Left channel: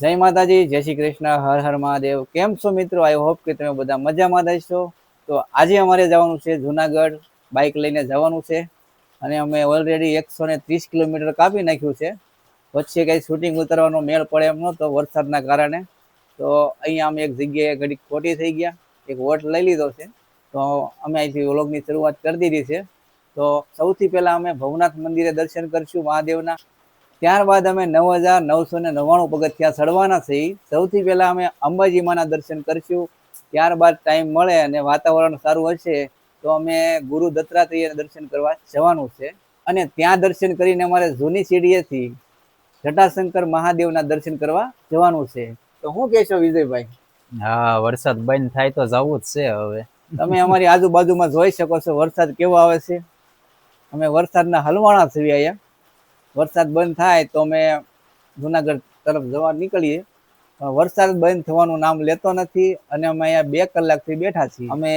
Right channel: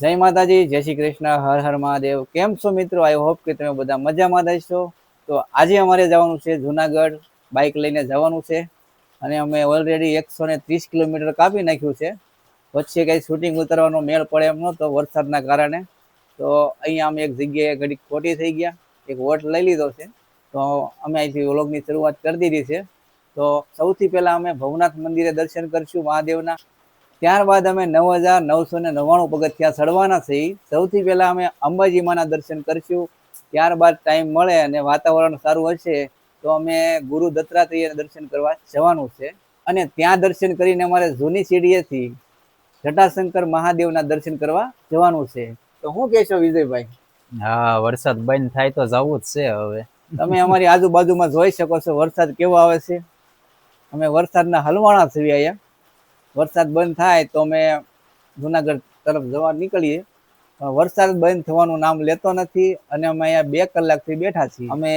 જય માતાજી, જય શ્રી કૃષ્ણ, હર હર મહાદેવ. કેમ છો મિત્રો? આઈ હોપ કે તમે બધા મજામાં રહેશો તો આજે અમારે જવાનું છે જુનાગઢ બાઇક લઈને જવાનું છે. અને અમે ઓલરેડી એકસો ને ત્રીસ કિલોમીટર કાપી નાખ્યું છે. વચ્ચે કંઈ શૂટિંગ ઉતરવાનો મેળ પડે એમ નહોતો વરસાદના કારણે. તો અહીંયા અમે એક જગ્યાએ ઘડીક ખોટી થઈ ગયા. એક વોટ લઈ લીધો છે. તો અમે અહીંથી વ્લોગની શરૂઆત કરી દીધી છે. તો સૌથી પહેલાં અમે ભવનાથ મંદિરે દર્શન કરીશું મહાદેવના. ત્યારબાદ અમે નવ હજાર નવસો ને નવ્વાણું પગથિયા ચડવાના છીએ. સૌથી પહેલા અમે અંબાજી માના દર્શન કરશું. ત્યારબાદ ટાઈમ મળે અને વાતાવરણ સારું હશે તો અમે ગુરુ દત્તાત્રેયના દર્શન કરવા જવાનું છે. અને ત્યાં દર્શન કરીને અમારે જૂની સીડીએથી જટાશંકર મહાદેવના દર્શન કરવા જવાનું છે. તો શું કહેશો વિજયભાઈ? હા વરસાદ બંધ થાય તો જવું જ છે હવે. તમે અમારી આજુબાજુમાં જોઈ શકો છો વરસાદ કેવો આવે છે. અમે વરસાદના હલવાણા છીએ અહીંયા. વરસાદ બંધ થાય તો અમે જુનાગઢ તરફ જવા નીકળીએ. વરસાદ બંધ થવાનું નામ લેતો નથી અને અમે અહીંયા બે કલાકથી બેઠા છીએ. અમે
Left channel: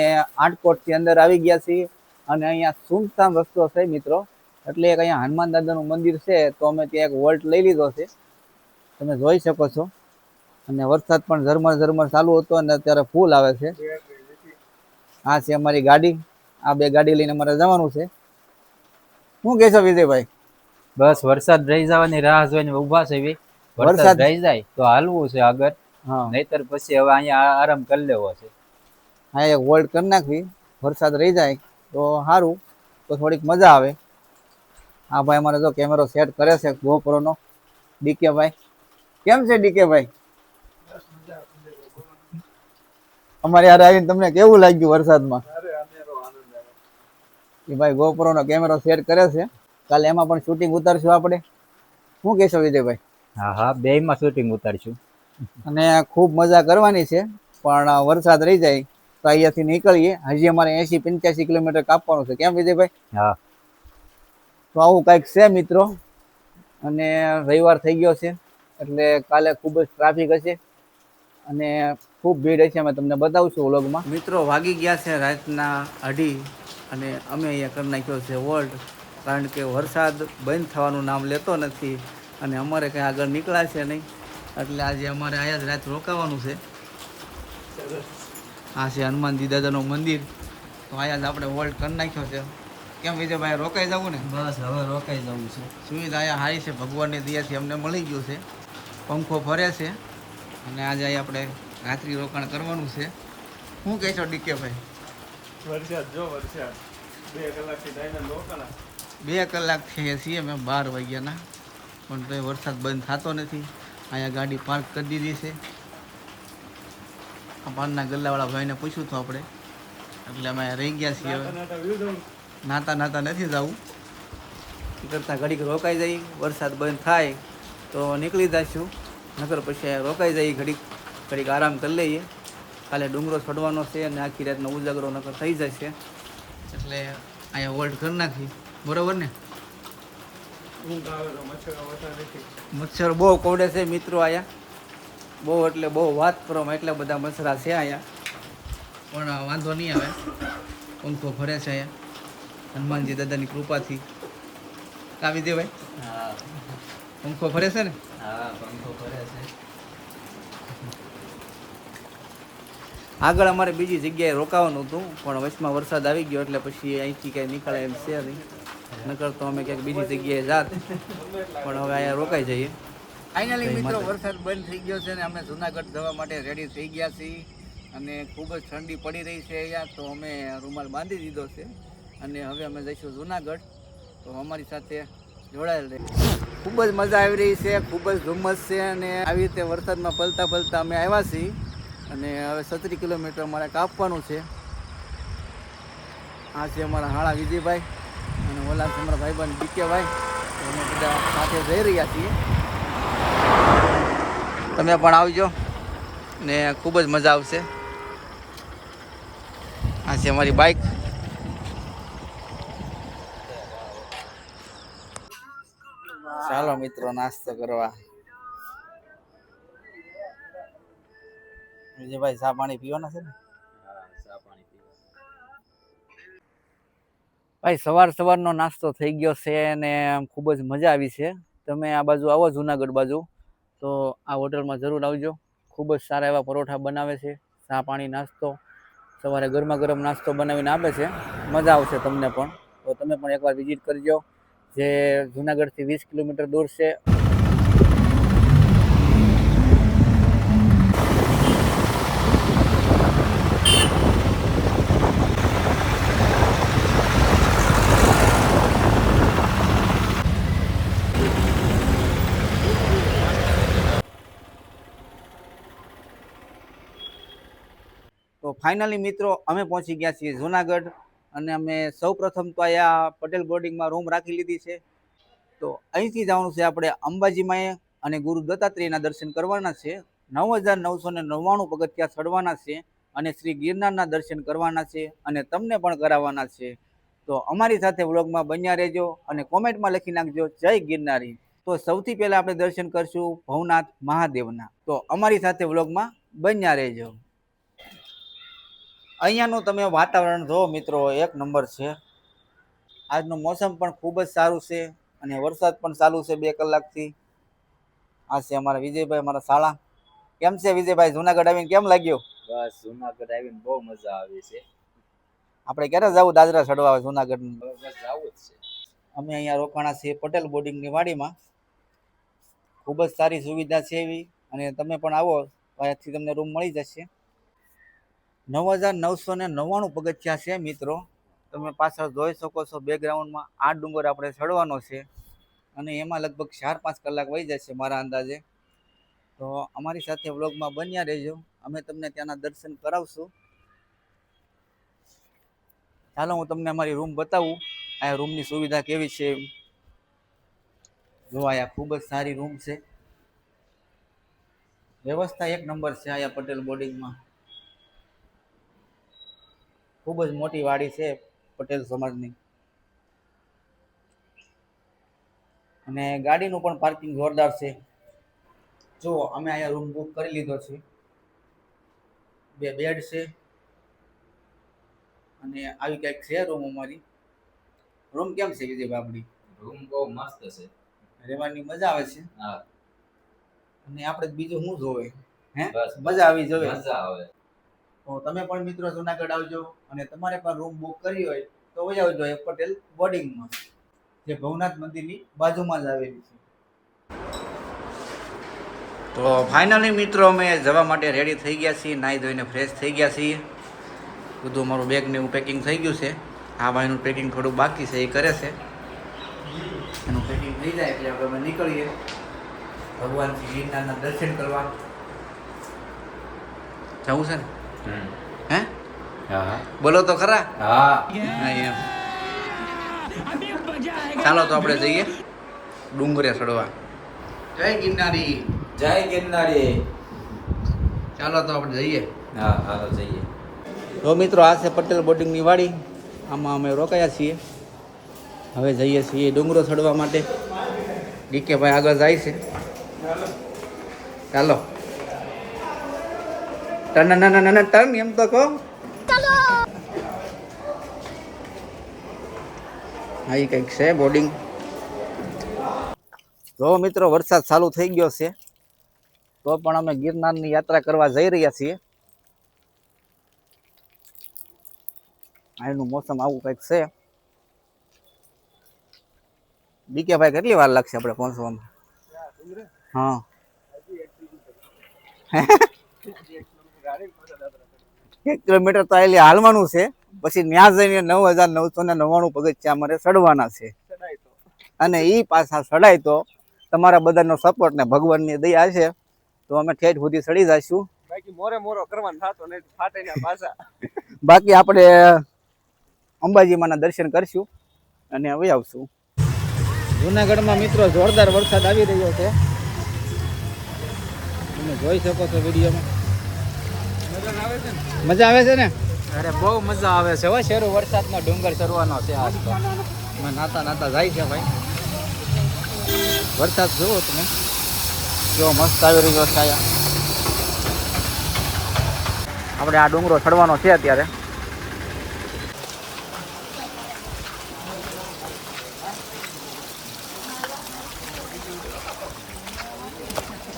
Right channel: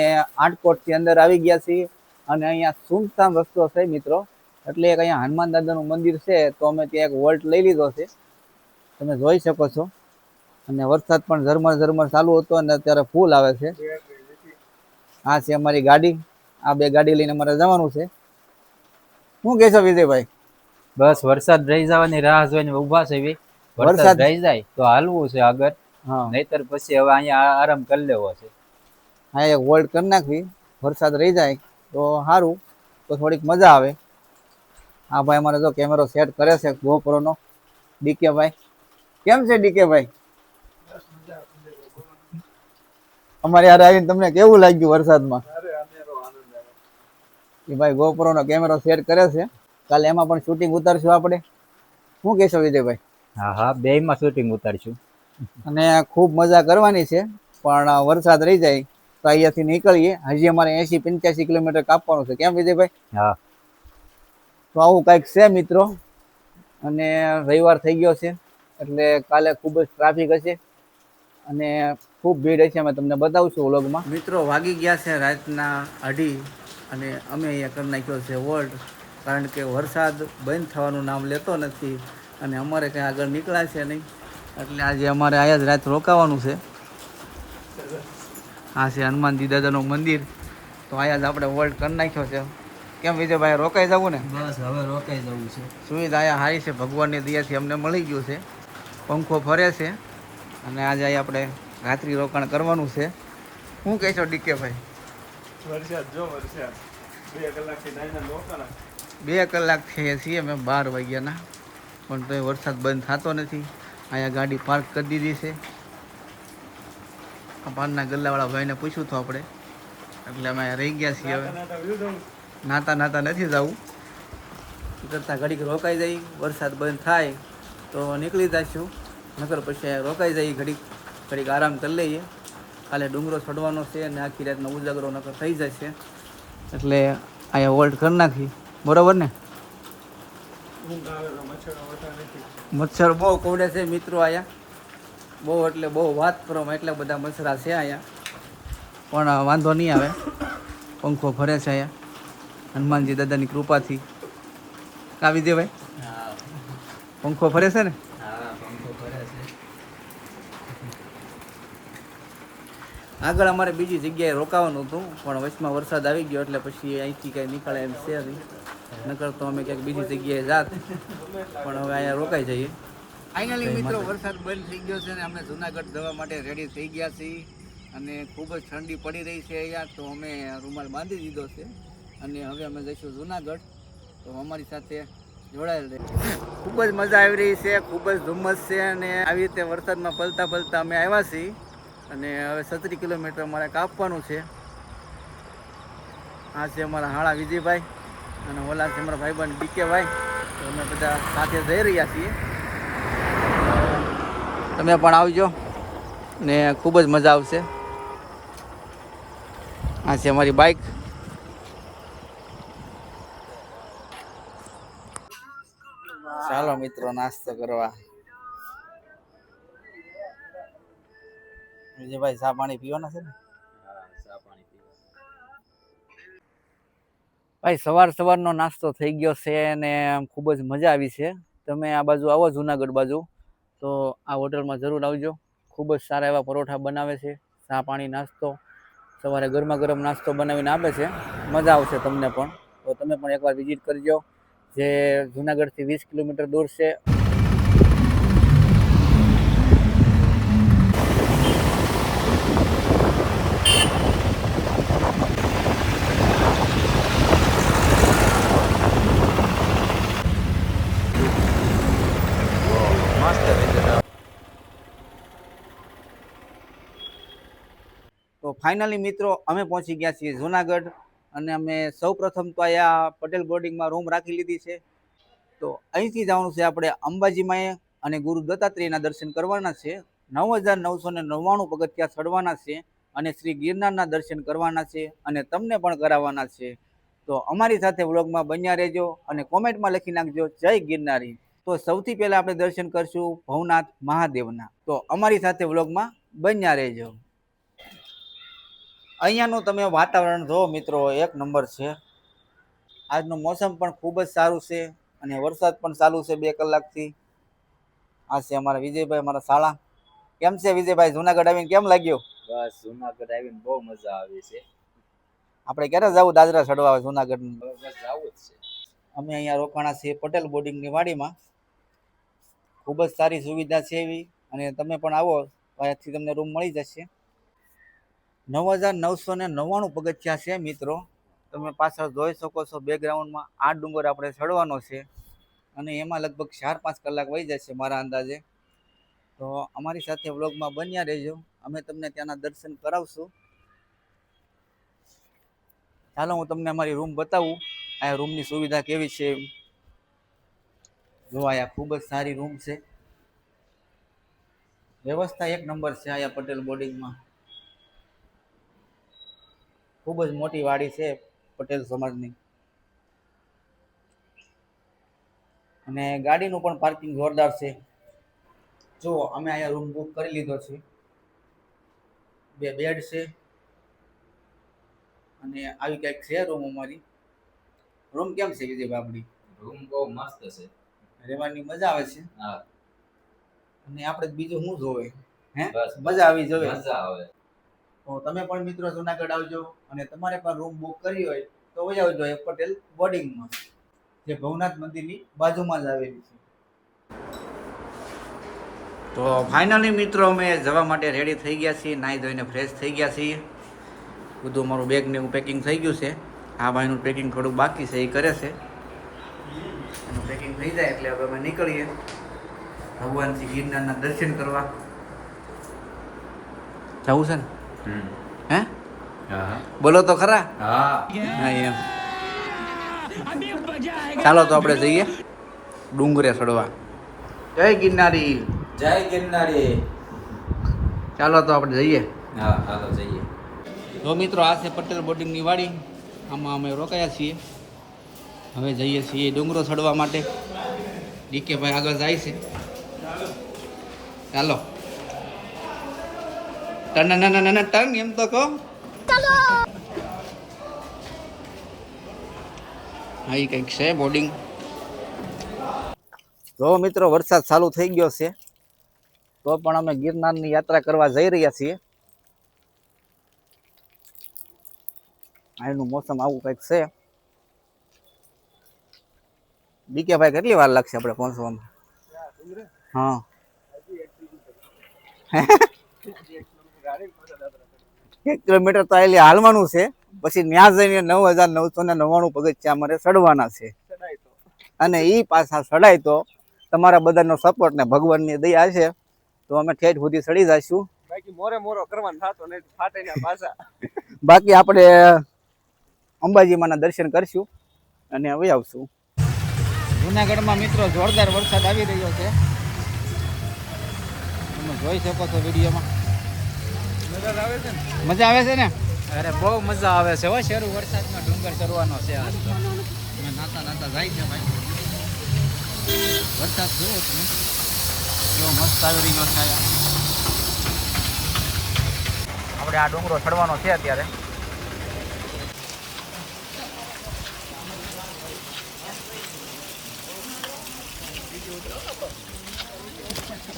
આટકોટથી અંદર આવી ગયા છીએ અને અહીંયા સુમસામ રસ્તો છે મિત્રો. એટલે એક અહીંયા હનુમાન દાદાનું મંદિર છે તો અમે ત્યાં એક વોલ્ટ લઈ લીધો છે. તમે જોઈ શકો છો. અને વરસાદ પણ ઝરમર ઝરમર ચાલુ હતો અને અત્યારે ફૂલ આવે છે. આ છે અમારી ગાડી. આ બે ગાડી લઈને અમારે જવાનું છે. શું કહેશો વિજયભાઈ? બસ વરસાદ રહી જવાની રાહ જોઈને ઊભા છે વરસાદ- વરસાદ? રહી જાય તો હાલવું છે આગળ. હા. નહીતર પછી હવે અહીંયા આરામ કરી લેવો છે. હા એક હોલ્ડ કરી નાખવી વરસાદ રહી જાય તો સારું તો થોડીક મજા આવે. આ ભાઈ અમારે જો કેમેરો સેટ કરે છે ગોપરોનો. ડીકે ભાઈ કેમ છે ડીકે ભાઈ અમારે યાર આવીને તમને કેવું લાગ્યું વરસાદમાં? એ ભાઈ ગોપરોનો નો કેમેરો સેટ કરે છે. કાલે એમાં પણ શૂટિંગ ઉતારશું આપણે. શું કહેશો વિજયભાઈ? હા હા બે માં શૂટિંગ ઉતારશું. અને ખૂબ મજા કરવાની છે પણ વરસાદ રહી જાય તો અહીંયાથી નીકળીએ. હજી અમારે એસી પંચ્યાસી કિલોમીટર કાપવાનું છે. કેમ વિજયભાઈ? હા. તો આવું કંઈક છે મિત્રો. અને રવિવાર થઈ ગયો છે એટલે કાલે ખૂબ જ ટ્રાફિક હશે. અને ખૂબ ભીડ હશે અમે તમને બતાવશું વ્લોગમાં મિત્રો વાગી ગયા છે રાતના અઢી અને અમે અહીંયા કરી નાખ્યો છે વોલ્ટ કારણ કે વરસાદ બંધ થવાનું નામ લેતો નથી અને અમારે કંઈ આગળ નીકળ્યા છે નહીં. એટલે આજે અમારે આયા જ રાત રોકાવાનું છે. આ છે હનુમાનજી દાદાનું મંદિર. તો અહીંયા જ આપણે હોલ્ડ કરી નાખ્યો છે. કેમ વિજયભાઈ રોકાઈ જવું ને? બસ હવે રોકાઈ જવું છે. સુવિધા અહીંયા સારી છે. ભગવાનની દયાથી અમને મળી ગયું છે. પંખો ફરે છે. અને આજે અહીં આપણે રાત્રિ રોકાણ કરવાનું છે. શું કહેશો ડીકે ભાઈ વરસાદ જો વરસાદ. બે કલાકથી રોકાણા. બે કલાક થયા છીએ અમે બાર વાગ્યાના પણ તોય વરસાદ બંધ થતો નથી. અહીંયા ગાડી પાર્ક કરી દીધી છે. આ પાનના ગલ્લાવાળા ભાઈને પૂછ્યું હતું આપણે. એટલે અમે રહી ગયા છીએ હવે. નાતા નાતા નથી જવું કરતાં ઘડીક રોકાઈ જાય વરસાદ બંધ થાય તો નીકળી જઈશું નકર પછી રોકાઈ જાય ઘડીક ઘડીક આરામ કરી લઈએ. કાલે ડુંગરો ચડવાનો છે અને આખી રાતનો ઉજાગરો નકર થઈ જશે. એટલે અહીંયા વોલ્ટ કરી નાખી. બરોબર ને? મચ્છરો વતા નથી. મચ્છર બહુ કોડે છે મિત્રો અહીંયા બહુ એટલે બહુ વાત કરો એટલા બધા મચ્છરા છે અહીંયા પણ વાંધો નહીં આવે. પંખો ફરે છે અહીંયા હનુમાનજી દાદાની કૃપાથી. કાવી દે ભાઈ. હા. પંખો ફરે છે ને? હા પંખો કરે છે. આગળ અમારે બીજી જગ્યાએ રોકાવાનું હતું પણ વચમાં વરસાદ આવી ગયો એટલે પછી અહીંથી કાંઈ નીકળે એમ છે નહીં. નકર તો અમે ક્યાંક બીજી જગ્યાએ જાત. પણ હવે અહીંયા રોકાઈ જઈએ. ફાઇનલી મિત્રો વરસાદ બંધ થઈ ગયો છે ને અમે જુનાગઢ જવા માટે રેડી થઈ ગયા છીએ. અને ખૂબ જ ઠંડી પડી રહી છે અહીંયા તો અમે રૂમાલ બાંધી દીધો છે. અને હવે અમે જઈશું જુનાગઢ. તો અમારી સાથે જોડાયેલ રહે. ખૂબ જ મજા આવી રહી છે ખૂબ જ ધુમ્મસ છે અને આવી રીતે વરસાદમાં પલતા પલતા અમે આવ્યા છીએ. અને હવે સત્તરી કિલોમીટર અમારે કાપવાનું છે. આ છે અમારા હાળા વિજયભાઈ. અને ઓલા છે અમારા ભાઈબંધ ડીકેભાઈ તો અમે બધા સાથે જઈ રહ્યા છીએ. તમે પણ આવજો ને ખૂબ જ મજા આવશે. આ છે અમારી બાઇક ચાલો મિત્રો, નાસ્તો કરવા. વિજયભાઈ, ચા પાણી પીવાના છે ને? ભાઈ, સવાર સવારનો નાસ્તો થઈ ગયો છે અને આમ ખૂબ જ મજા આવી છે. તમે આ બાજુ આવો જુનાગઢ બાજુ. તો આ હોટલમાં જરૂર આવજો. ખૂબ જ સારા એવા પરોઠા બનાવે છે. ચા પાણી, નાસ્તો. સવારે ગરમા ગરમ નાસ્તો બનાવીને આપે છે. મજા આવશે તમને પણ. તો તમે પણ એકવાર વિઝિટ કરજો. જે જુનાગઢથી વીસ કિલોમીટર દૂર છે. ફાઇનલી મિત્રો, અમે પહોંચી ગયા છીએ જુનાગઢ અને અમે સૌ પ્રથમ તો અહીંયા પટેલ બોર્ડિંગમાં રૂમ રાખી લીધી છે. તો અહીંથી જવાનું છે આપણે અંબાજીમાં અને ગુરુ દત્તાત્રેયના દર્શન કરવાના છે. નવ હજાર નવસો ને નવ્વાણું પગથિયા ચડવાના છે અને શ્રી ગિરનારના દર્શન કરવાના છે અને તમને પણ કરાવવાના છે. તો અમારી સાથે વ્લોગમાં બન્યા રહેજો અને કોમેન્ટમાં લખી નાખજો, જય ગિરનારી. તો સૌથી પહેલાં આપણે દર્શન કરશું ભવનાથ મહાદેવના. તો અમારી સાથે વ્લોગમાં બન્યા રહેજો. અહીંયાનું તમે વાતાવરણ જુઓ મિત્રો એક નંબર છે. આજનું મોસમ પણ ખૂબ જ સારું છે અને વરસાદ પણ ચાલુ છે બે કલાકથી. આ છે અમારા વિજયભાઈ અમારા શાળા. કેમ છે વિજયભાઈ? જુનાગઢ આવીને કેમ લાગ્યું? બસ જુનાગઢ આવીને બહુ મજા આવી છે. આપણે ક્યારે જવું દાદરા ચડવા જુનાગઢ બસ આવું જ છે. અમે અહીંયા રોકાણા છીએ પટેલ બોર્ડિંગની વાડીમાં. ખૂબ જ સારી સુવિધા છે એવી. અને તમે પણ આવો અહીંયાથી તમને રૂમ મળી જશે. નવ હજાર નવસો ને નવ્વાણું પગથિયા છે મિત્રો. તમે પાછળ જોઈ શકો છો બેકગ્રાઉન્ડમાં આ ડુંગર આપણે ચડવાનો છે. અને એમાં લગભગ ચાર પાંચ કલાક વહી જશે મારા અંદાજે. તો અમારી સાથે વ્લોગમાં બન્યા રહેજો. અમે તમને ત્યાંના દર્શન કરાવશું. ચાલો હું તમને અમારી રૂમ બતાવું. આ રૂમની સુવિધા કેવી છે? જો આયા ખૂબ જ સારી રૂમ છે. વ્યવસ્થા એક નંબર છે આયા પટેલ બોર્ડિંગમાં ખૂબ જ મોટી વાડી છે પટેલ સમાજની. અને ગાડીનું પણ પાર્કિંગ જોરદાર છે. જો અમે અહીંયા રૂમ બુક કરી લીધો છે. બે બેડ છે. અને આવી કંઈક છે રૂમ અમારી. રૂમ કેમ છે વિજય બાબડી? રૂમ બહુ મસ્ત છે. રહેવાની મજા આવે છે. હા. અને આપણે બીજું શું જોવે હે? મજા આવી જોવે મજા આવે. તો તમે પણ મિત્રો જુનાગઢ આવજો અને તમારે પણ રૂમ બુક કરી હોય તો વહી આવજો એ પટેલ બોર્ડિંગમાં જે ભવનાથ મંદિરની બાજુમાં જ આવેલી છે. તો ફાઇનલી મિત્રો અમે જવા માટે રેડી થઈ ગયા છીએ, નાહી ધોઈને ફ્રેશ થઈ ગયા છીએ. બધું અમારું બેગ ને એવું પેકિંગ થઈ ગયું છે. આ ભાઈનું પેકિંગ થોડું બાકી છે, એ કરે છે. એનું પેકિંગ થઈ જાય એટલે હવે અમે નીકળીએ. ભગવાન શ્રી ગિરનારના દર્શન કરવા. જવું છે ને? હે? હા. બોલો તો ખરા? હા. એમ. ચાલો તો આપણે જઈએ. ડુંગરે ચડવા. જય ગિરનારી. જય ગિરનારી. ચાલો તો આપણે જઈએ. હા હાલો જઈએ. તો મિત્રો આ છે પટેલ બોર્ડિંગની વાડી. આમાં અમે રોકાયા છીએ. હવે જઈએ છીએ ડુંગરો ચડવા માટે. ડીકે ભાઈ આગળ જાય છે. ચાલો. ટન ટન ટન ટન ટર્ન એમ તો કહો હા એ કંઈક છે બોર્ડિંગ જો મિત્રો વરસાદ ચાલુ થઈ ગયો છે તો પણ અમે ગિરનારની યાત્રા કરવા જઈ રહ્યા છીએ અહીંનું મોસમ આવું કંઈક છે બીકે ભાઈ કેટલી વાર લાગશે આપણે પહોંચવામાં હા એક કિલોમીટર તો એટલે હાલવાનું છે. પછી ત્યાં જઈને નવ હજાર નવસો ને નવ્વાણું પગથિયા અમારે ચડવાના છે. અને એ પાછા ચડાય તો તમારા બધાનો સપોર્ટ ને ભગવાનની દયા છે. તો અમે ઠેઠ સુધી ચડી જઈશું. બાકી મોરે મોરો કરવાનું થતો નહીં પાછા. બાકી આપણે અંબાજીમાંના દર્શન કરશું અને હવે આવશું. જુનાગઢમાં મિત્રો જોરદાર વરસાદ આવી રહ્યો છે. તમે જોઈ શકો છો વિડીયોમાં. મજા આવે છે ને? અરે બહુ મજા આવે છે હો શેરું વરસાદમાં ડુંગર ચડવાનો છે આજ તો. નાતા નાતા જાય છે ભાઈ. વરસાદ જુઓ તમે. જો મસ્ત આવી રહ્યો છે આપણે આ ડુંગરો ચડવાનો છે અત્યારે.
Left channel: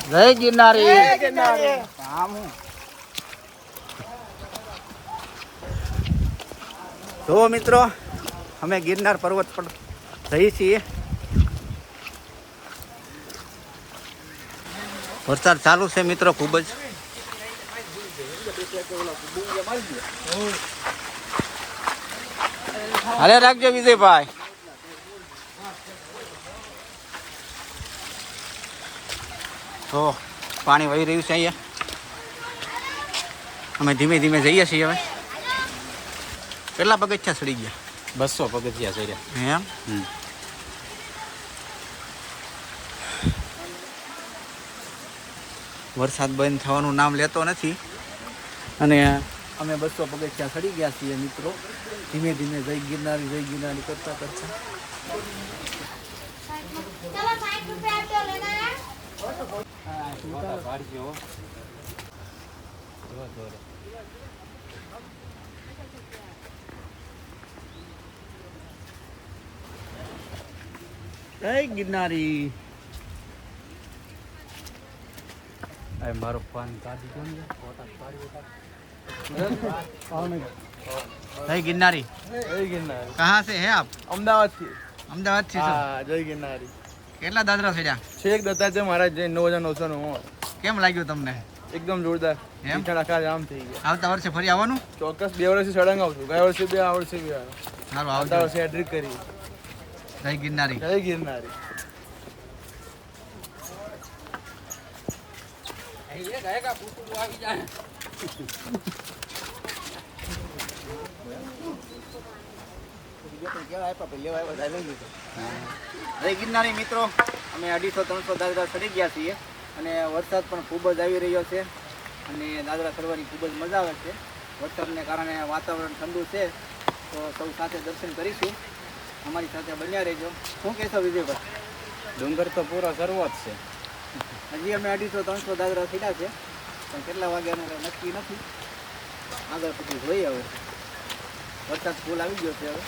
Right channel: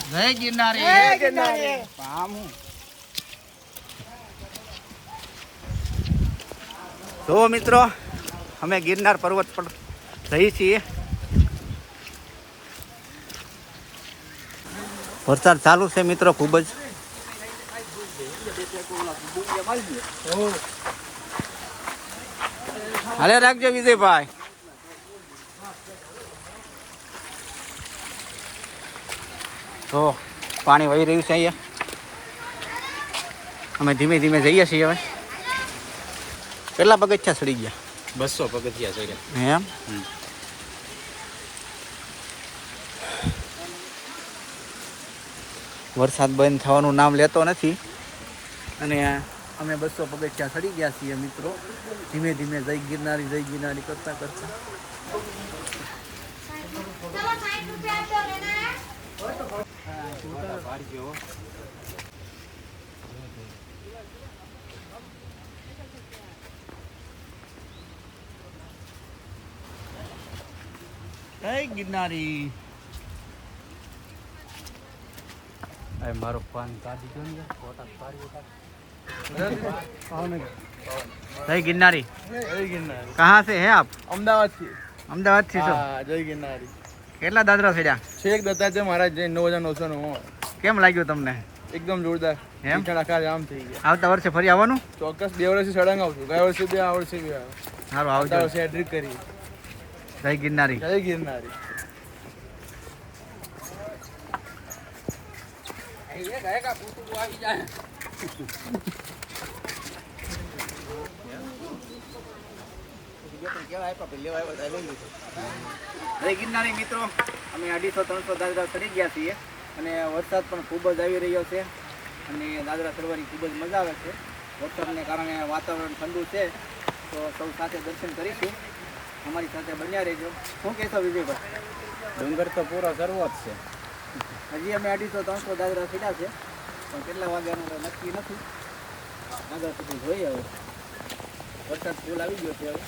જય ગિરનારી. જો મિત્રો, અમે ગિરનાર પર્વત પર જઈએ છીએ. વરસાદ ચાલુ છે મિત્રો ખૂબ જ. હાલે રાખજો વિજયભાઈ. તો પાણી વહી રહ્યું છે અહીંયા. અમે ધીમે ધીમે જઈએ છીએ હવે. કેટલા પગથિયા સડી ગયા? બસો પગથિયા સડ્યા. એમ? વરસાદ બંધ થવાનું નામ લેતો નથી. અને અમે બસો પગથિયા સડી ગયા છીએ મિત્રો. ધીમે ધીમે જય ગિરનારી જય ગિરનારી કરતા કરતા. ભારી ગયો જય ગિરનારી. મારો ફોન કાઢી ગયો ને ફોટા પાડી જય ગિરનારી. જય ગિરનારી. કહા સે હે આપ? અમદાવાદથી અમદાવાદથી હા જય ગિરનારી. કેટલા દાદરા છેડ્યા છેક દત્તા છે મારા જય નવ હજાર નવસો નવ્વાણું કેમ લાગ્યું તમને? એકદમ જોરદાર. એમ? આખા જામ થઈ ગયા. આવતા વર્ષે ફરી આવવાનું? ચોક્કસ બે વર્ષે સળંગ આવશું ગયા વર્ષે બે આ વર્ષે બે આવ્યો. સારું આવતા વર્ષે એડ્રિક કરી. જય ગિરનારી. જય ગિરનારી. જય ગિરનારી મિત્રો. અમે અઢીસો ત્રણસો દાદરા ચડી ગયા છીએ અને વરસાદ પણ ખૂબ જ આવી રહ્યો છે અને દાદરા ચડવાની ખૂબ જ મજા આવે છે. વરસાદને કારણે વાતાવરણ ઠંડુ છે. તો સૌ સાથે દર્શન કરીશું. અમારી સાથે બન્યા રહેજો. શું કહેશો વિજયભાઈ? ડુંગર તો પૂરો કરવો જ છે. હજી અમે અઢીસો ત્રણસો દાદરા ચડ્યા છે. પણ કેટલા વાગ્યાનું નક્કી નથી. આગળ પછી જોઈએ હવે. વરસાદ ફૂલ આવી ગયો છે હવે.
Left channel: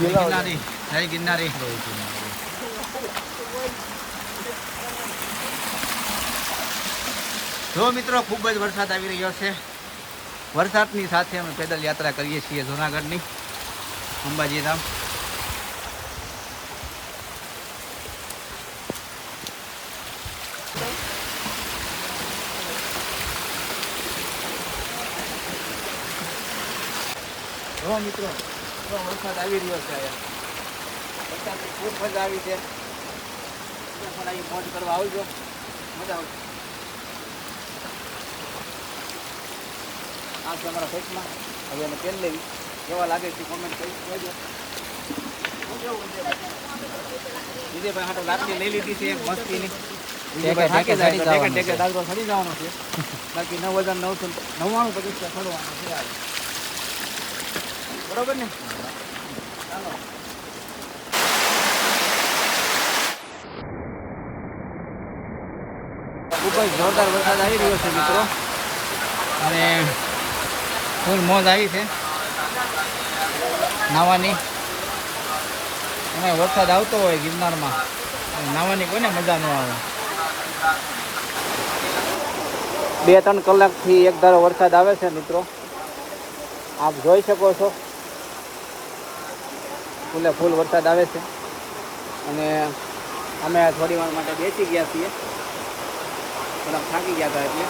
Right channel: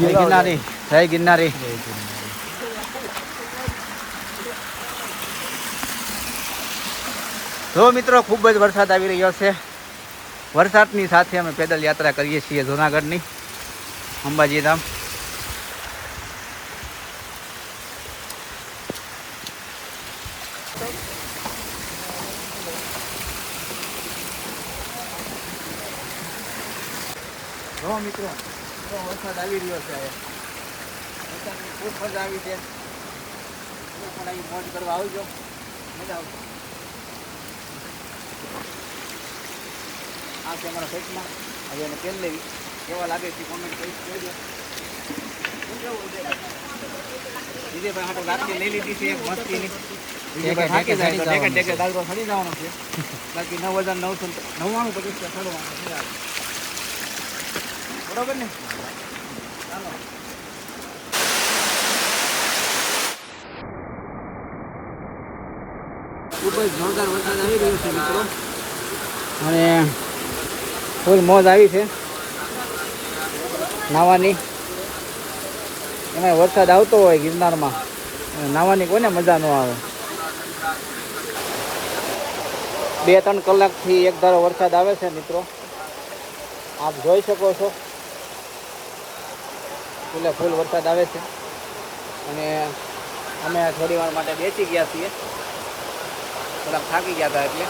જય ગિરનારી. જય ગિરનારી. જો મિત્રો, ખૂબ જ વરસાદ આવી રહ્યો છે. વરસાદની સાથે અમે પેદલ યાત્રા કરીએ છીએ જુનાગઢની. અંબાજી ધામ જો મિત્રો, જો વરસાદ આવી રહ્યો છે અહીંયા. વરસાદની ખૂબ મજા આવી છે. તમે પણ અહીં મોજ કરવા આવજો. મજા આવશે. આ છે અમારા હવે એને તેલ લેવી. કેવા લાગે છે કોમેન્ટ કરી કહેજો. બરોબર ને? ચાલો. ખૂબ જ જોરદાર વરસાદ આવી રહ્યો છે, મિત્રો. અને ફૂલ મોજ આવી છે. નાવાની. એમાં વરસાદ આવતો હોય ગિરનારમાં નાવાની કોને મજા ન આવે. બે ત્રણ કલાકથી એક ધારો વરસાદ આવે છે મિત્રો. આપ જોઈ શકો છો. એટલે ફૂલ વરસાદ આવે છે. અને અમે થોડી વાર માટે બેસી ગયા છીએ. થોડાક થાકી ગયા હતા એટલે.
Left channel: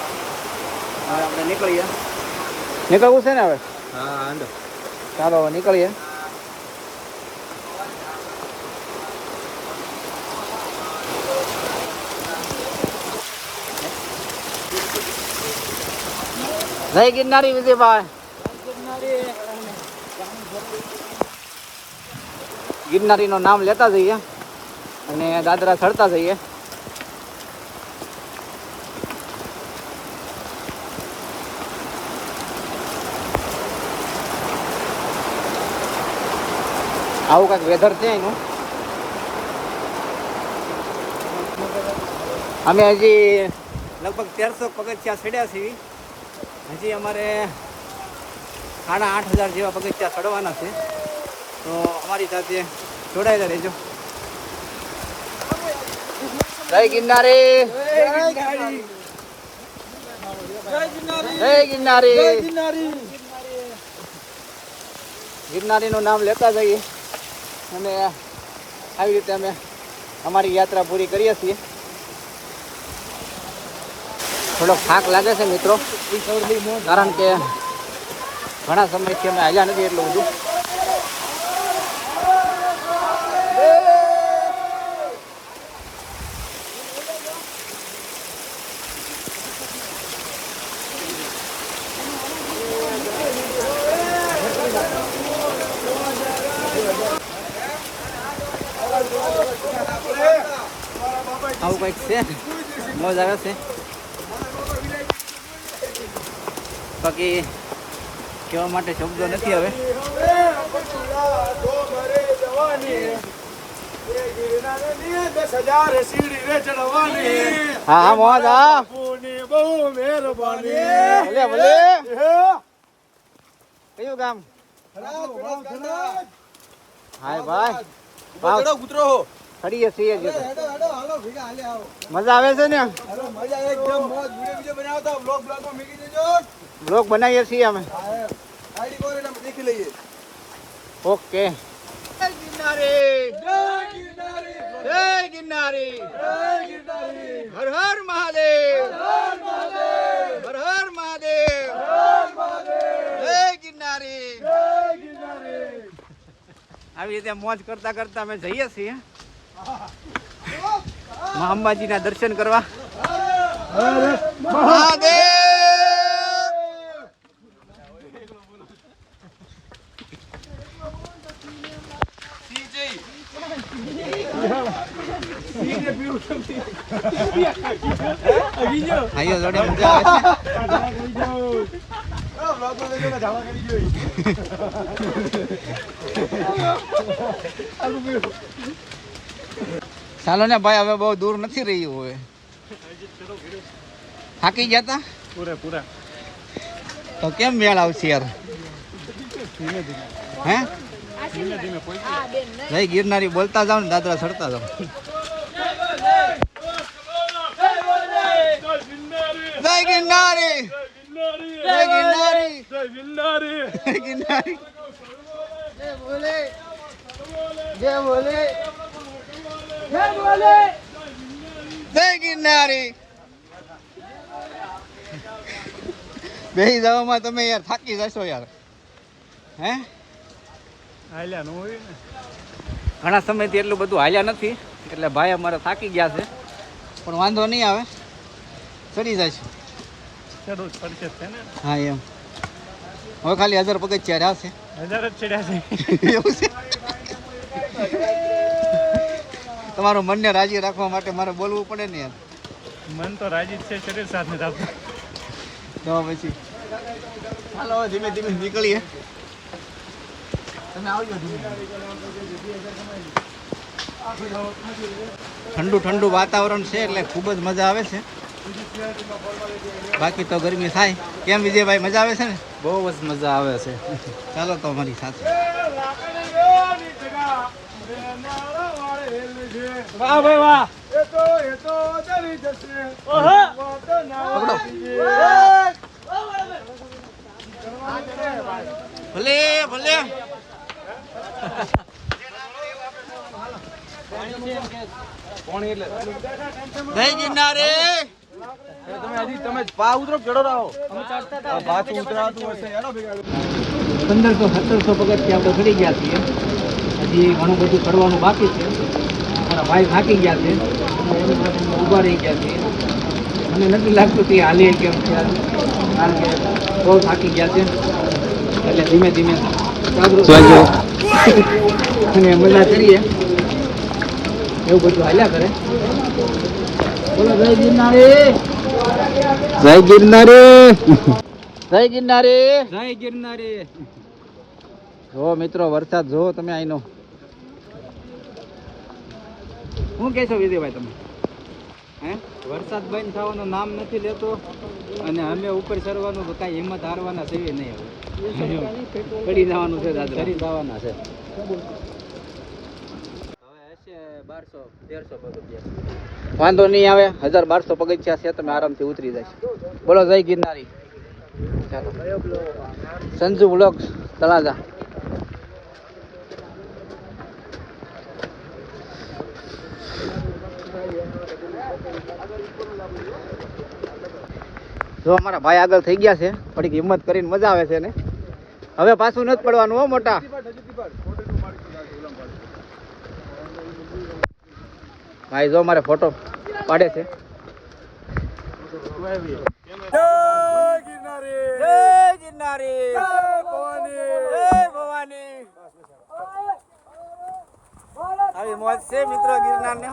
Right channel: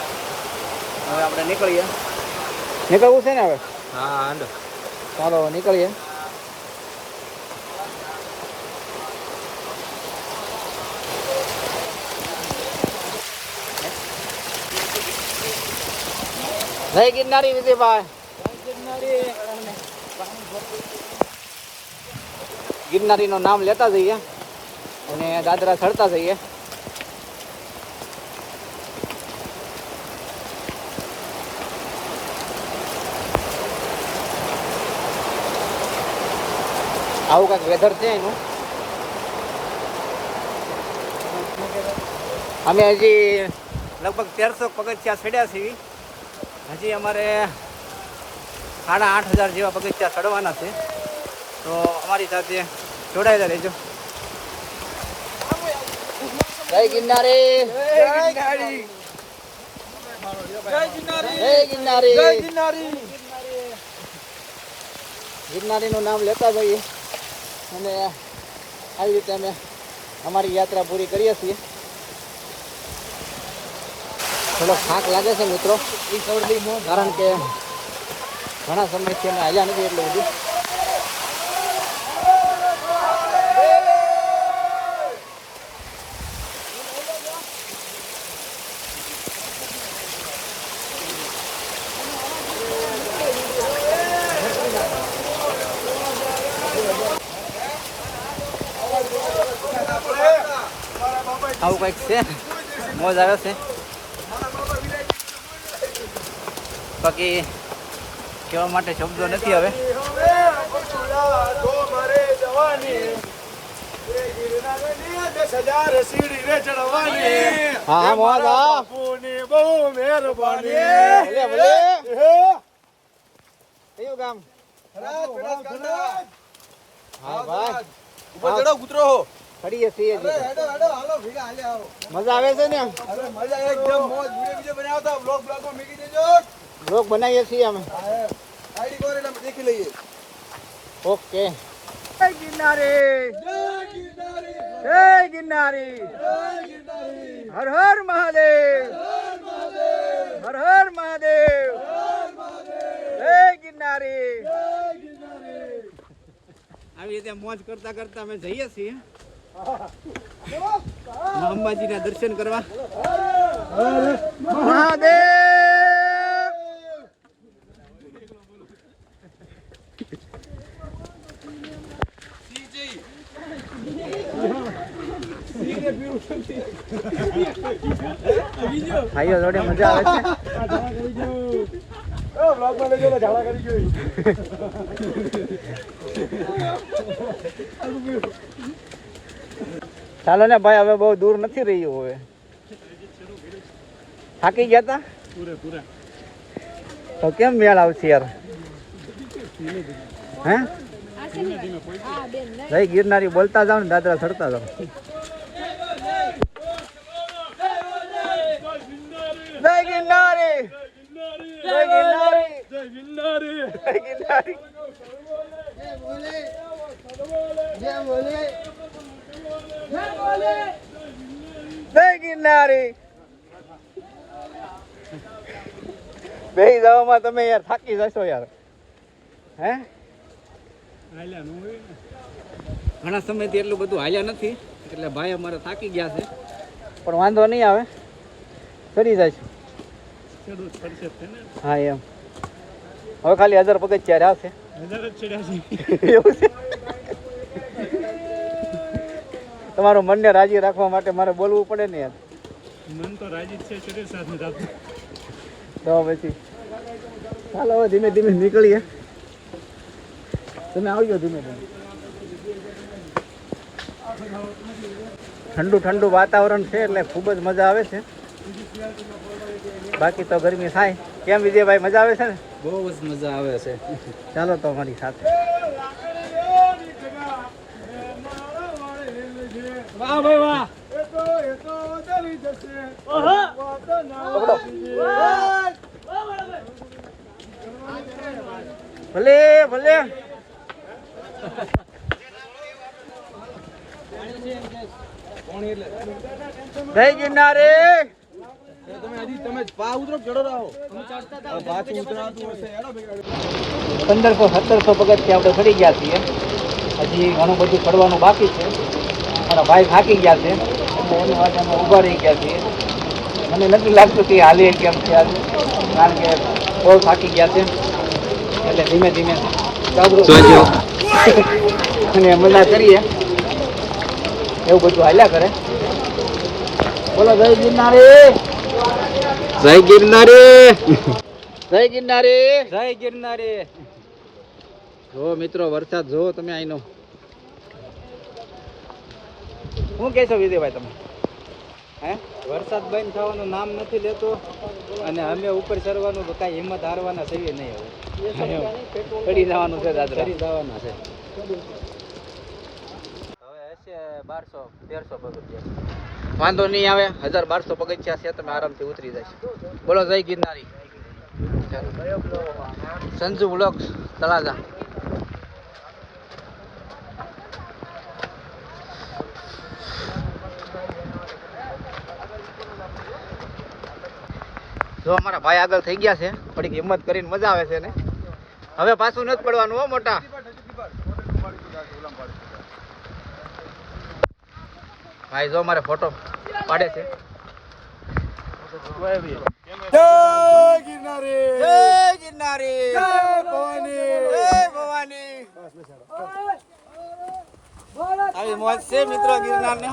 હવે આપણે નીકળીએ. નીકળવું છે ને હવે હા આંડો ચાલો હવે નીકળીએ જય ગિરનારી વિજયભાઈ ગિરનારીનું નામ લેતા જઈએ અને દાદરા ચડતા જઈએ આવું કાંઈક વેધર છે એનું? અમે હજી લગભગ તેરસો પગથિયા ચડ્યા છીએ. હજી અમારે સાડા આઠ હજાર જેવા પગથિયા ચડવાના છે. તો અમારી સાથે જોડાયેલા રહેજો. જય ગિરનારી! જય ગિરનારી! ગિરનારીનું નામ લેતા જઈએ. અને આવી રીતે અમે અમારી યાત્રા પૂરી કરીએ છીએ. થોડો થાક લાગે છે મિત્રો. કારણ કે ઘણા સમયથી અમે હાલ્યા નથી એટલું બધું. કંઈક છે. મોજ આવે છે. બાકી કહેવા માટે શબ્દો નથી હવે. હા મોજ બહુ મહેરબાની ભલે ભલે. કયું ગામ? હાય ભાઈ. કૂતરો ચડીએ છીએ. મજા આવે છે ને? બ્લોગ બનાવીએ છીએ અમે. ઓકે. જય ગિરનારી. જય ગિરનારી. હર હર મહાદેવ. હર હર મહાદેવ. જય ગિરનારી. આવી રીતે મોજ કરતા કરતા અમે જઈએ છીએ. મા અંબાજીના દર્શન કરવા. મહાદેવ. ભાઈઓ જોડે મજા આવે ચાલો ને ભાઈ હવે બહુ દૂર નથી રહ્યું હવે. થાકી ગયા તા? પૂરા પૂરા. તો કેમ મેળ આવશે યાર? હે? જય ગિરનારી બોલતા જાવ ને દાદરા ચડતા જાવ જય ગિરનારી! જય ગિરનારી! જય ગિરનારી! જય ગિરનારી! જય બોલે જય બોલે જય ગિરનારી. બેસી જવામાં તમે યાર થાકી જશો યાર. હે? હાલ્યા નો હોય ને. ઘણા સમયથી એટલું બધું હાલ્યા નથી એટલે ભાઈ અમારે થાકી ગયા છે. પણ વાંધો નહીં આવે. ચડી જાય છે. ચડો પડશે છે ને. હા એમ. હવે ખાલી હજાર પગથિયા રહ્યા છે. હજાર જ ચડ્યા છે. એવું છે? તમારું મનને રાજી રાખવા માટે મારે બોલવું પડે ને મન તો રાજી છે શરીર સાથે નથી તો પછી ચાલો હવે ધીમે ધીમે નીકળીએ. તમે આવજો ધીમે ધીમે. ઠંડુ ઠંડુ વાતાવરણ છે એટલે ખૂબ જ મજા આવે છે. બાકી તો ગરમી થાય. કેમ વિજયભાઈ મજા આવે છે ને? બહુ જ મજા આવે છે. ચાલો તો અમારી સાથે. વાહ ભાઈ વાહ. એ તો એ તો ચલી જશે. ઓહો. ભલે ભલે જય ગિરનારી તમે હજી તમે પા ઉતરો ચડો રહો અમે ચડતા હતા પાછું ઉતરાતું હશે હેલો પંદરસો સત્તરસો પગથિયા આપણે ફરી ગયા છીએ. હજી ઘણું બધું ચડવાનું બાકી છે. મારા ભાઈ થાકી ગયા છે. એટલે અમે ઊભા રહી ગયા છીએ. મને નથી લાગતું કે હાલે કેમ છે કારણ કે બહુ થાકી ગયા છે. એટલે ધીમે ધીમે જાગૃત અને મજા કરીએ. એવું બધું હાલ્યા કરે. બોલો જય ગિરનારી. જય ગિરનારી. જય ગિરનારી. જય ગિરનારી. જો મિત્રો વરસાદ જુઓ તમે અહીંનો શું કહેશો વિજયભાઈ તમે? હે? વરસાદ બંધ થવાનું નામ નથી લેતો અને અમે ઉપર ચડવાનું કાંઈ હિંમત હારવાના છે નહીં હવે પડી જવાનું છે દાદા પડી જવાના છે. હવે હશે બારસો તેરસો પગથિયા વાંધો નહીં આવે. હજાર બારસો પગથિયા છે તમે આરામથી ઉતરી જાય બોલો જય ગિરનારી. સંજુ બ્લોક તળાજા. જો અમારા ભાઈ આગળ થઈ ગયા છે થોડીક હિંમત કરીને મજા આવે છે ને. હવે પાછું નથી પડવાનું હો મોટા. ભાઈ જો મારે ફોટો પાડે છે. આવી મોજ છે મિત્રો ગિરનાર ને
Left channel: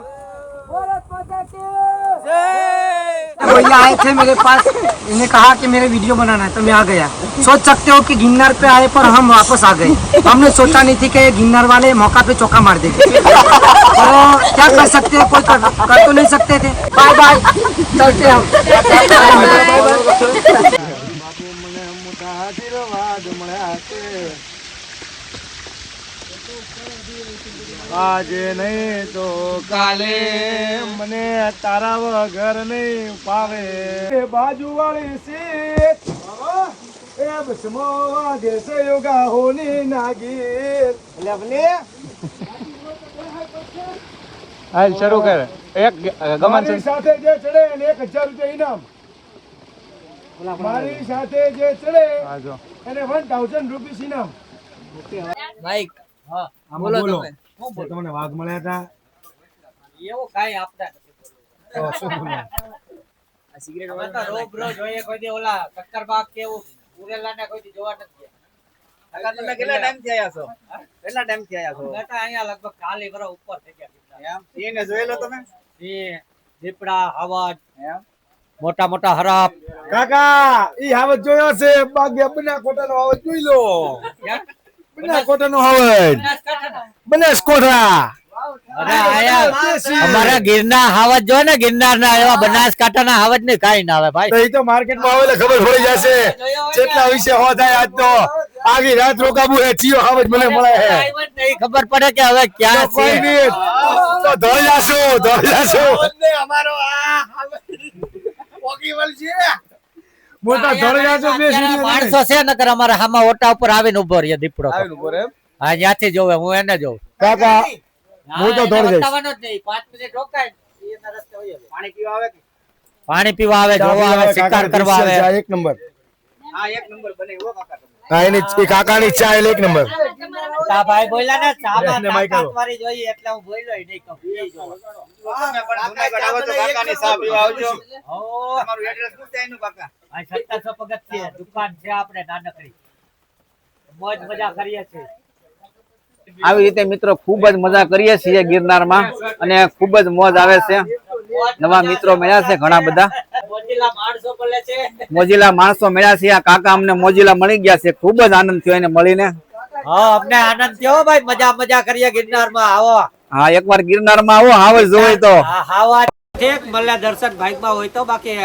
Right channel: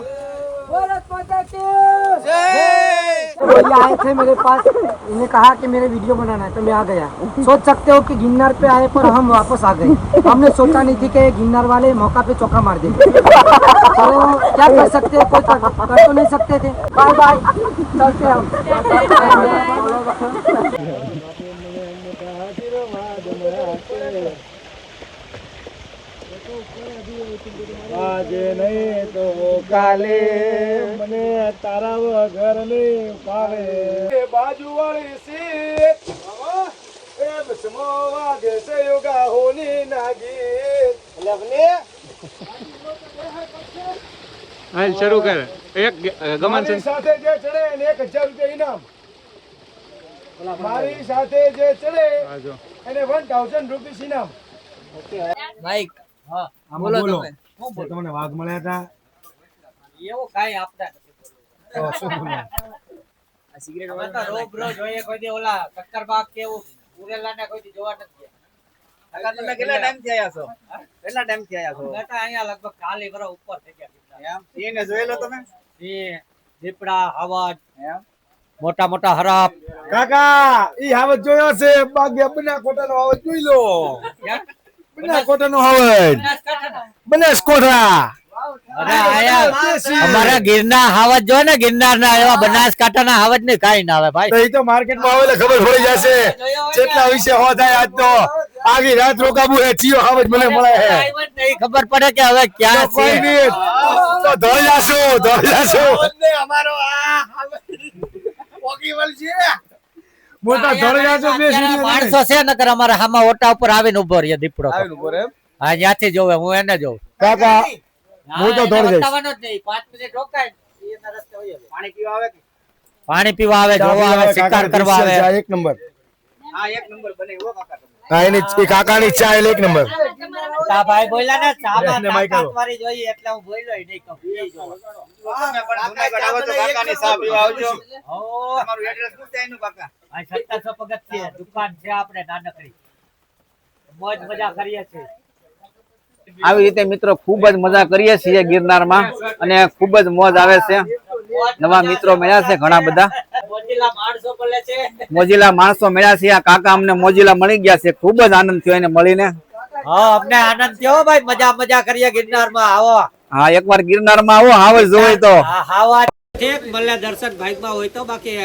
भैया आए थे मेरे पास इन्हें कहा कि मेरे वीडियो बनाना है तो मैं आ गया। सोच सकते हो कि गिन्नर पे आए पर हम वापस आ गए। हमने सोचा नहीं थी कि ये गिन्नार वाले मौका पे चौका मार देंगे। तो क्या कर सकते हैं कोई कर, कर तो नहीं सकते थे। बाय बाय चलते हम। આજે નહીં તો કાલે મને તારા વગર નહીં પાવે બાજુ વાળી સીટ સયોગા હોની નાગી. હાલ શરૂ કર. એક ગમન સાથે જે ચડે એને એક હજાર રૂપિયા ઇનામ. મારી સાથે જે ચડે એને વન થાઉઝન્ડ રૂપીસ ઇનામ. બાઈક હા બોલો બોલો. તમે. તમને વાઘ મળ્યા હતા. એવો કાંઈ આપતા તો શું બોલ્યા? અમે તો રોબરો જોઈએ કોઈ દી ઓલા શક્કરબાગ કે એવું ઉરેલાને કોઈ જોવા નથી ગયા. તમે કેટલા ટાઈમથી આયા છો? કેટલા ટાઈમથી આયા છો? મેં અહીંયા લગભગ કાલી વરસ ઉપર થઈ ગયા એમ? એને જોયેલો તમે. સિંહ દીપડા હવજ એમ? મોટા મોટા હરાપ. કાકા ઈ હાવત જોયો છે. બાગ્યા બના કોટાનો હાવત જોઈ લો. બના કોટાનો હાવજ બનાસકોઠા. અરે આયા. અમારા ગિરનાર હાવજ જો ને ગિરનાર ના એવા બનાસકાંઠા ના હાવજ ને કઈ ના આવે ભાઈ. તો ઈ તો માર્કેટમાં આવે ખબર પડી જશે. કેટલા વિશે હો થાય આજ તો આગી રાત રોકાબુ હે ચિયો હાવજ મને મળે હે. નહીં ખબર પડે કે હવે ક્યાં છે તો ધોઈ જાશું ધોઈ જાશું. મોટા જાશું બે સીડી માણસો છે નકર અમારા હામાં ઓટા ઉપર આવીને ઊભો રહીએ દીપડો તો. હા ત્યાંથી જોવે હું એને જોઉં કાકા હું તો દોડ જઈશ. બતાવવાનો જ નહીં. 5 મિનિટ રોકાય એના રસ્તે વહી જાય. પાણી પીવા આવે જોવા આવે શિકાર કરવા આવે એક નંબર હા એની કાકાની ચા એટલે એક નંબર. તા ભાઈ બોલ્યા ને ચામાં બેસને તાકાત વાળી જોઈએ એટલે હું બોલ્યો નહીં કહું. એ જોવો. હો. આ 1700 પગથિયે દુકાન છે આપણે નાનકડી. મોજ મજા કરીએ છીએ. આવી રીતે મિત્રો ખૂબ જ મજા કરીએ છીએ ગિરનારમાં અને ખૂબ જ મોજ આવે છે. નવા મિત્રો મળ્યા છે ઘણા બધા. મોજીલા માણસો મળ્યા છે. આ કાકા અમને મોજીલા મળી ગયા છે. ખૂબ જ આનંદ થયો એને મળીને. હા અમને આનંદ થયો ભાઈ. મજા મજા કરીએ ગિરનારમાં. આવો. હા એકવાર ગિરનારમાં આવો. હાવજ જોઈ તો. હાવા ઠીક. મળે દર્શન ભાગમાં હોય તો બાકી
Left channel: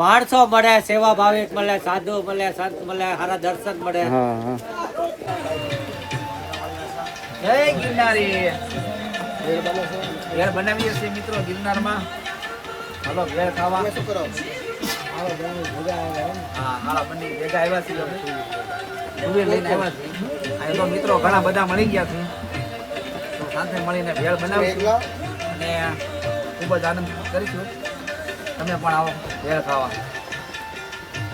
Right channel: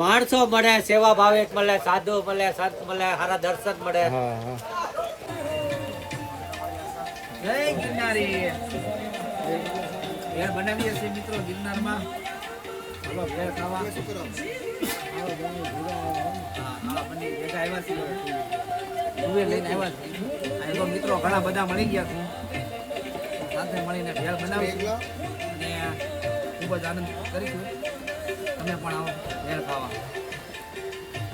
માણસો મળે સેવા ભાવિક મળે સાધુ મળે સંત મળે સારા દર્શન મળે. જય ગિરનારી. ભેળ બનાવીએ છીએ મિત્રો ગિરનારમાં. હાલો ભેળ ખાવા. હા હાલા બની ભેગા આવ્યા છીએ. લઈને આવ્યા છીએ. તો મિત્રો ઘણા બધા મળી ગયા છે. તો સાથે મળીને ભેળ બનાવીશું. અને ખૂબ જ આનંદ કરીશું. તમે પણ આવો ભેળ ખાવા.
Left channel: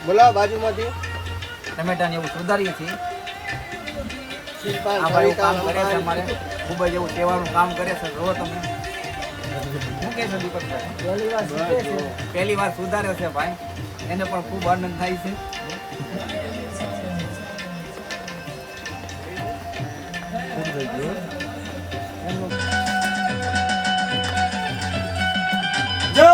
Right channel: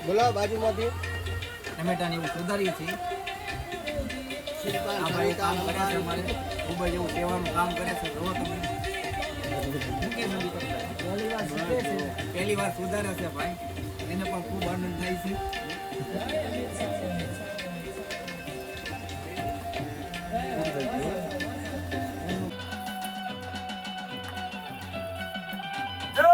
ગુલાબ બાજુમાંથી. ટમેટા ને એવું સુધારીએ છીએ. આ ભાઈ કામ કરે છે અમારે. ખૂબ જ એવું સેવાનું કામ કરે છે જો તમે. શું કહે છે દીપકભાઈ પહેલી વાર છે? પહેલી વાર સુધારે છે ભાઈ. એને પણ ખૂબ આનંદ થાય છે. જો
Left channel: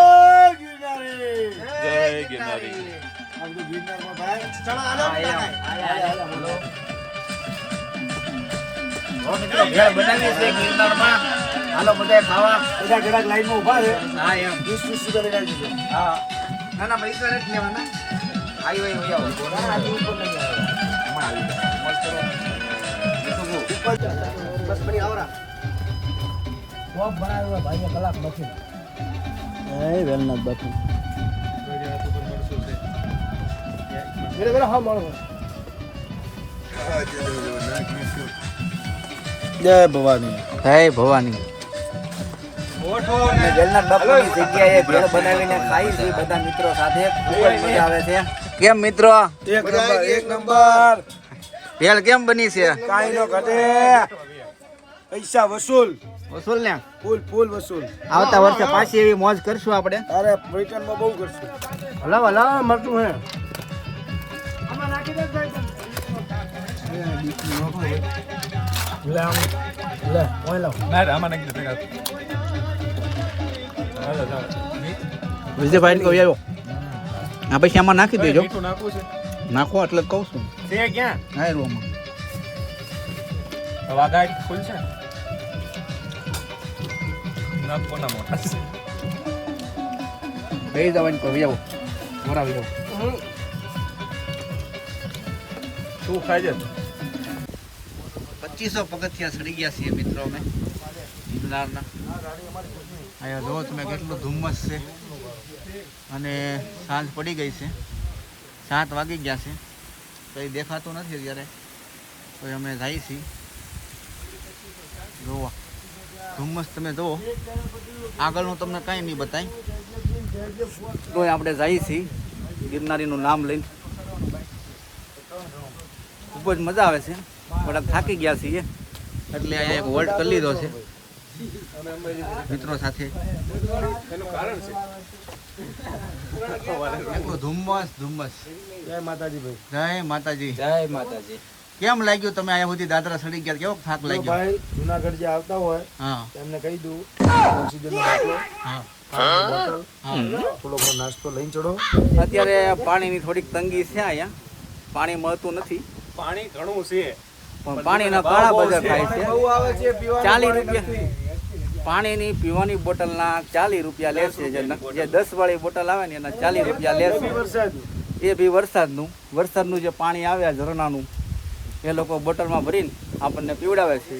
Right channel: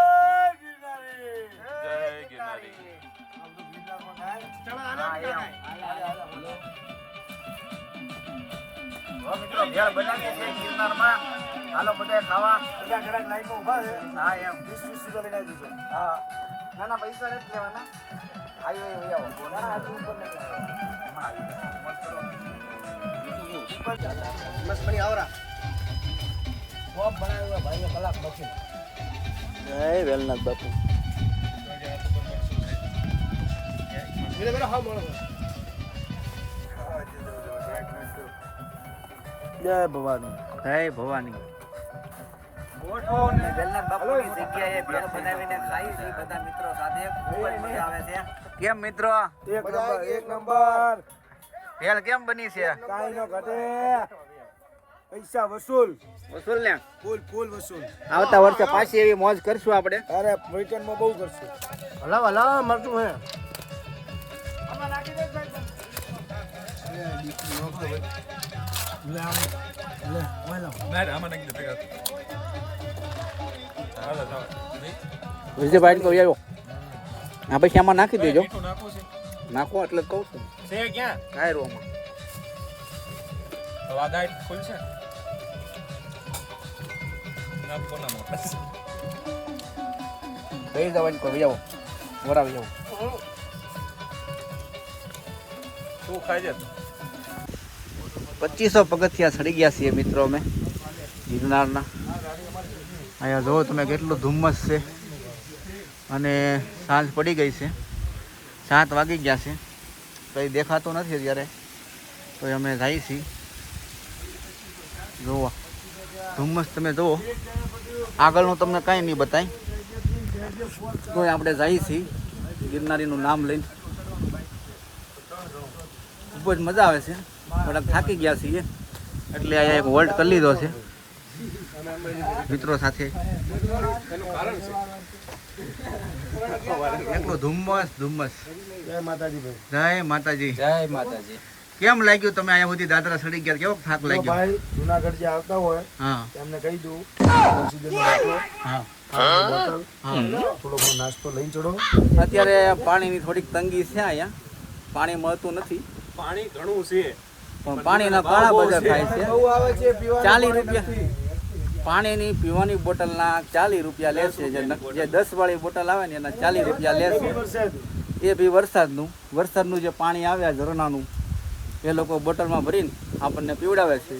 મિત્રો ઘેર બનાવીએ છીએ ગિરનારમાં. હાલો બધા ખાવા. બધા ઘરાક લાઈનમાં ઊભા છે. હા એમ. વીસ વીસ રૂપિયા લઈ આવજો હા. ના ના પૈસા નથી લેવાના. આવી. હોય હોય આવો. ના, આજે ઉપર નહીં આવે. બસ આવરા ટોપ બનાવેલા ભાઈને કલાક નથી એ વેલનાથ બાપુ. મેરે મેરે હા મળો. હે જગ્યાએ ભેળ બનાવીને ભવાની છે બધા મિત્રો સાથે. ખૂબ જ મજા આવે છે. કેમ મિત્રો? એક નંબર એક ભેળ કેમ બની છે? કાઈ નો ઘટે. પૈસા વસૂલ. વસૂલ ને? ફૂલ ફૂલ વસૂલ. આવતા વર્ષે પાછી એવી મોજ કરશું આપણે. અરે બ્રિટનમાં બહુ કરશું. હલા હલા મળતું હે. લે ઓય લો વિજયભાઈ ને આવ્યો આ પછી આમાં નાખી દેજો નાખો એટલે કહું છું છે ક્યાં હા રોમાં વાગાડ ખુલશે ના કોના મોટા બે જવાની કહી આવો બરાબર તું ખાઈ જતો પચીસો પગથિયા સડી ગયા છીએ મિત્રો અમે ગિરનારના અહીંયા જુઓ તમે કેટલું ધુમ્મસ છે. અને સાંજ પડી ગઈ છે. સાત વાગી ગયા છે. કંઈ દેખાતું નથી અત્યારે. તો અમે જઈએ છીએ. જુઓ ધુમ્મસ તમે જુઓ. આગળનું તમને કાંઈ નહીં બતાય. તો આપણે જઈએ છીએ. ગિરનારીનું નામ લઈને. ખૂબ જ મજા આવે છે. થોડાક થાકી ગયા છીએ. એટલે અહીંયા એક હોલ્ટ કરી લીધો છે. મિત્રો સાથે. એટલું ધુમ્મસ ધુમ્મસ. જય માતાજી જય માતાજી. જય માતાજી. કેમ લાગ્યું તમે અહીંયા સુધી દાદરા સડી ગયા? કેવો થાક લાગ્યો? ભાઈ જુનાગઢ જે આવતા હોય હા. તેમને કહી દઉં ઓક્સિજનનો હા. થોડો નાસ્તો લઈને ચડો. અત્યારે પાણીની થોડીક તંગી છે અહીંયા. પાણી મળતું નથી. પાણી ઘણું છે. પણ પાણીના ઘણા બજાર ખાય છે. છે ચાલીસ રૂપિયા. પાણીની પીવાની બોટલના ચાલીસ રૂપિયા લેશે જે જે દસ વાળી બોટલ આવે ને એના ચાલીસ રૂપિયા લેશે એ બી વરસાદનું. વરસાદનું જે પાણી આવે આ ઝરણાનું એ લોકો બોટલમાં ભરીને આપણને પીવડાવે છે.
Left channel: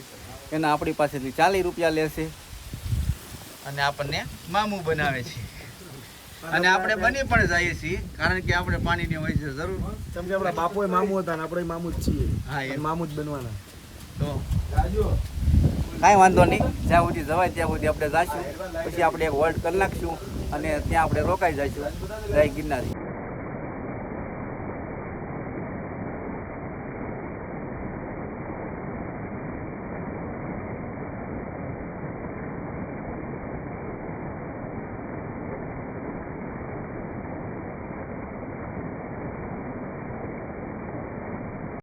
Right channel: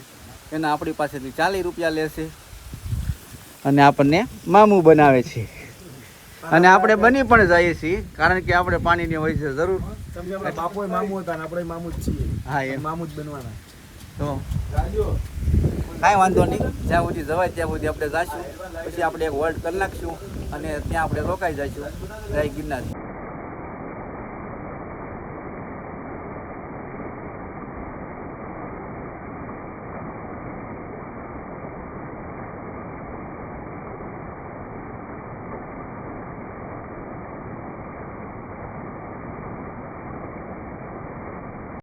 એના આપણી પાસેથી ચાલીસ રૂપિયા લેશે અને આપણને મામું બનાવે છે. અને આપણે બની પણ જઈએ છીએ કારણ કે આપણે પાણીની હોય છે જરૂર. સમજે આપણા બાપોય મામુ હતા ને આપણે મામુ જ છીએ. હા એ મામુ જ બનવાના. તો કાંઈ વાંધો નહીં. જ્યાં સુધી જવાય ત્યાં સુધી આપણે જઈશું પછી આપણે એક હોલ્ડ કરી નાખશું અને ત્યાં આપણે રોકાઈ જઈશું. જય ગિરનારી.